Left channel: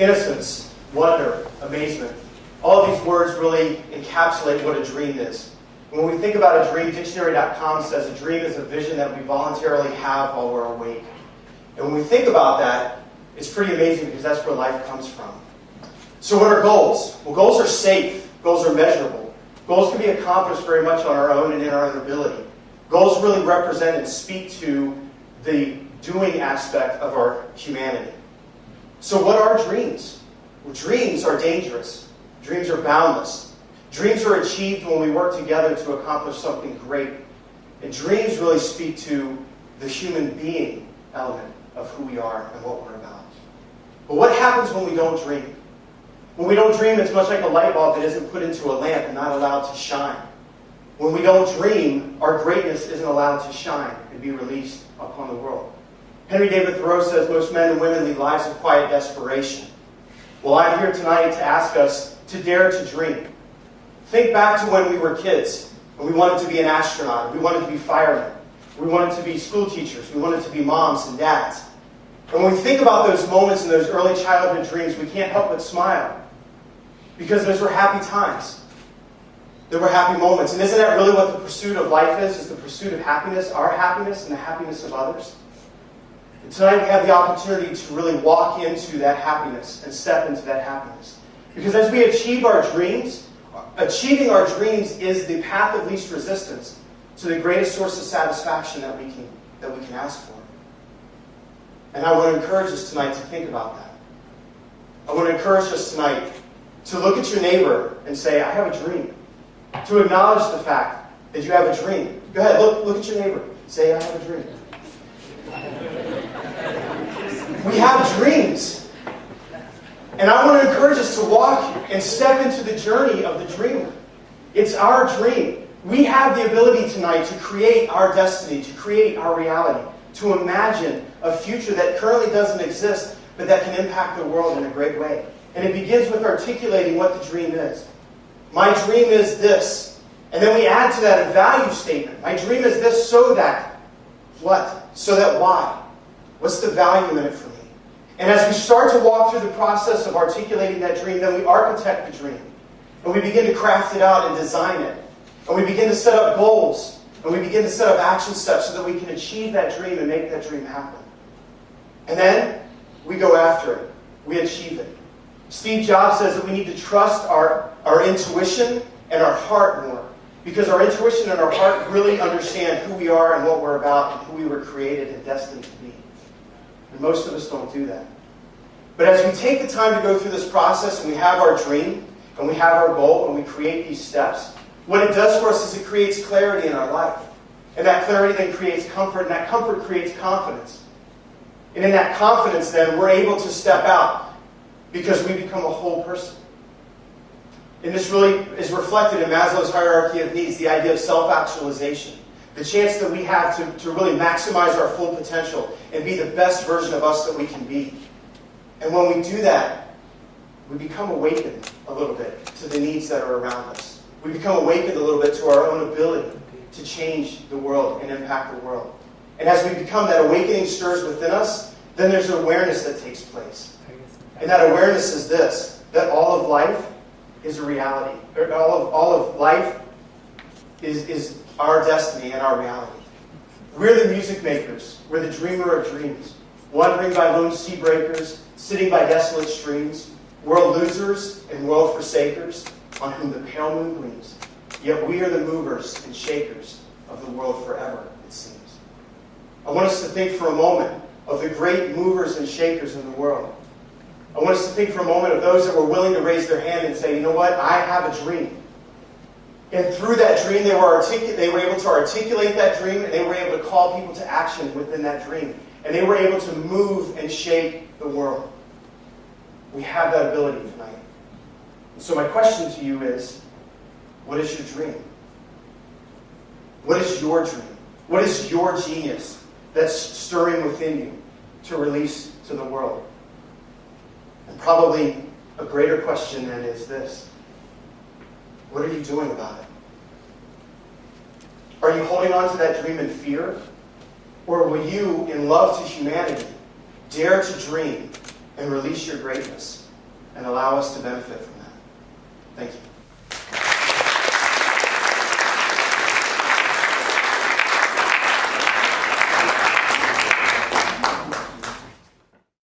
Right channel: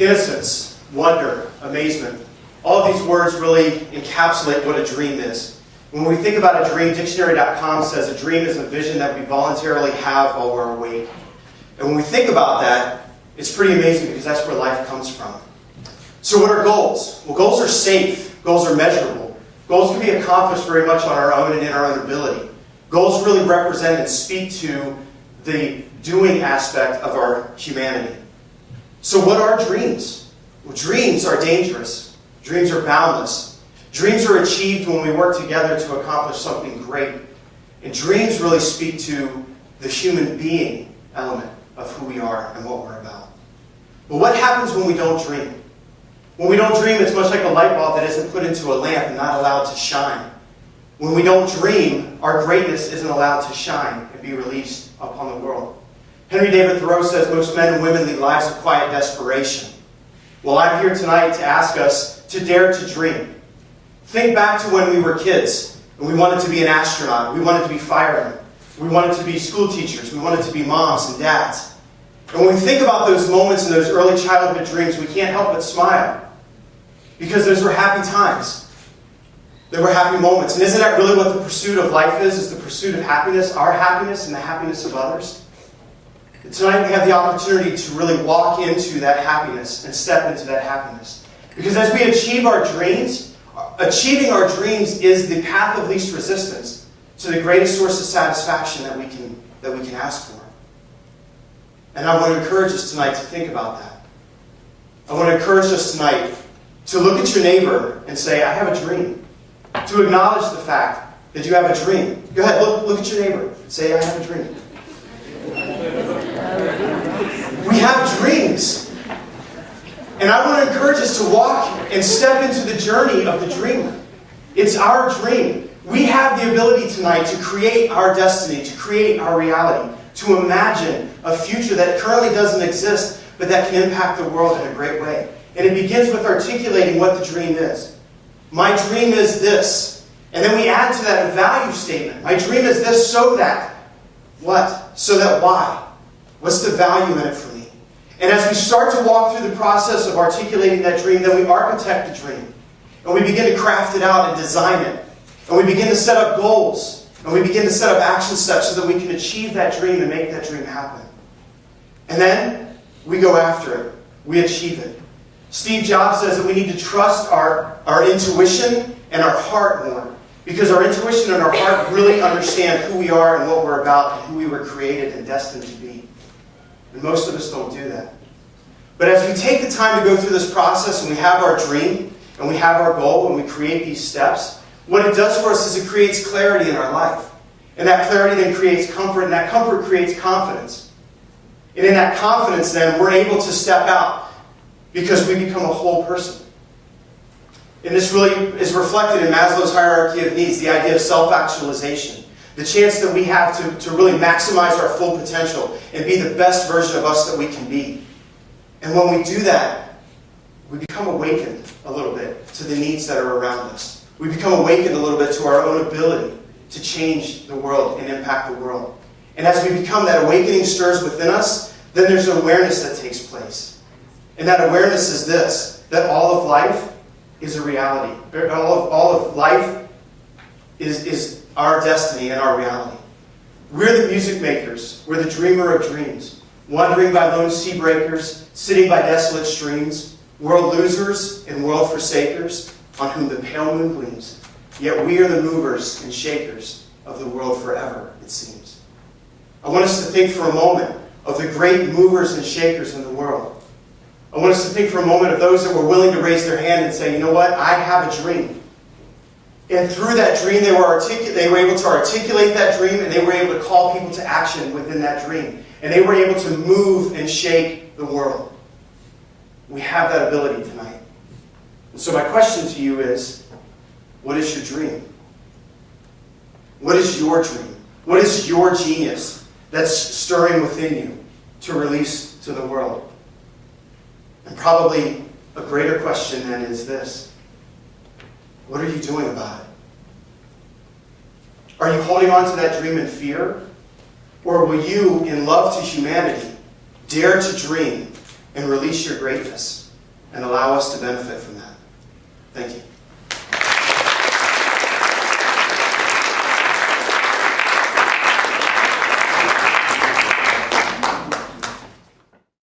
Innocence, wonder, amazement. All of these words really encapsulate what a dream is. When we think about a dream, dictionary.com says a dream is a vision that we voluntarily have while we're awake. And when we think about that, it's pretty amazing because that's where life comes from. So what are goals? Well, goals are safe. Goals are measurable. Goals can be accomplished very much on our own and in our own ability. Goals really represent and speak to the doing aspect of our humanity. So what are dreams? Well, dreams are dangerous. Dreams are boundless. Dreams are achieved when we work together to accomplish something great. And dreams really speak to the human being element of who we are and what we're about. But what happens when we don't dream? When we don't dream, it's much like a light bulb that isn't put into a lamp and not allowed to shine. When we don't dream, our greatness isn't allowed to shine and be released upon the world. Henry David Thoreau says most men and women lead lives of quiet desperation. Well, I'm here tonight to ask us to dare to dream. Think back to when we were kids and we wanted to be an astronaut, we wanted to be firemen, we wanted to be school teachers, we wanted to be moms and dads. And when we think about those moments and those early childhood dreams, we can't help but smile. Because those were happy times. They were happy moments. And isn't that really what the pursuit of life is the pursuit of happiness, our happiness and the happiness of others? And tonight we have the opportunity to really walk into that happiness and step into that happiness. Because as we achieve our dreams, achieving our dreams is the path of least resistance to the greatest source of satisfaction that we can ask for. And I want to encourage us tonight to think about that. I want to encourage us tonight to look at your neighbor and say, I have a dream. To acknowledge the fact that you have a dream. Go ahead, look at your neighbor and say, I have a dream. We have dreams. And I want to encourage us to walk and step into the journey of the dreamer. It's our dream. We have the ability tonight to create our destiny, to create our reality, to imagine a future that currently doesn't exist, but that can impact the world in a great way. And it begins with articulating what the dream is. My dream is this. And then we add to that a value statement. My dream is this so that what? So that why? What's the value in it for me? And as we start to walk through the process of articulating that dream, then we architect the dream. And we begin to craft it out and design it. And we begin to set up goals. And we begin to set up action steps so that we can achieve that dream and make that dream happen. And then we go after it. We achieve it. Steve Jobs says that we need to trust our intuition and our heart more. Because our intuition and our heart really understand who we are and what we're about and who we were created and destined to be. And most of us don't do that. But as we take the time to go through this process and we have our dream and we have our goal and we create these steps, what it does for us is it creates clarity in our life. And that clarity then creates comfort, and that comfort creates confidence. And in that confidence then, we're able to step out because we become a whole person. And this really is reflected in Maslow's hierarchy of needs, the idea of self-actualization. The chance that we have to really maximize our full potential and be the best version of us that we can be. And when we do that, we become awakened a little bit to the needs that are around us. We become awakened a little bit to our own ability to change the world and impact the world. And as we become, that awakening stirs within us, then there's an awareness that takes place. And that awareness is this, that all of life is a reality. All of life is our destiny and our reality. We're the music makers. We're the dreamer of dreams. Wandering by lone sea breakers, sitting by desolate streams, world losers and world forsakers, on whom the pale moon gleams. Yet we are the movers and shakers of the world forever, it seems. I want us to think for a moment of the great movers and shakers in the world. I want us to think for a moment of those that were willing to raise their hand and say, you know what, I have a dream. And through that dream, they were able to articulate that dream, and they were able to call people to action within that dream. And they were able to move and shake the world. We have that ability tonight. And so my question to you is, what is your dream? What is your dream? What is your genius that's stirring within you to release to the world? And probably a greater question then is this. What are you doing about it? Are you holding on to that dream in fear? Or will you, in love to humanity, dare to dream and release your greatness? and allow us to benefit from that. Thank you.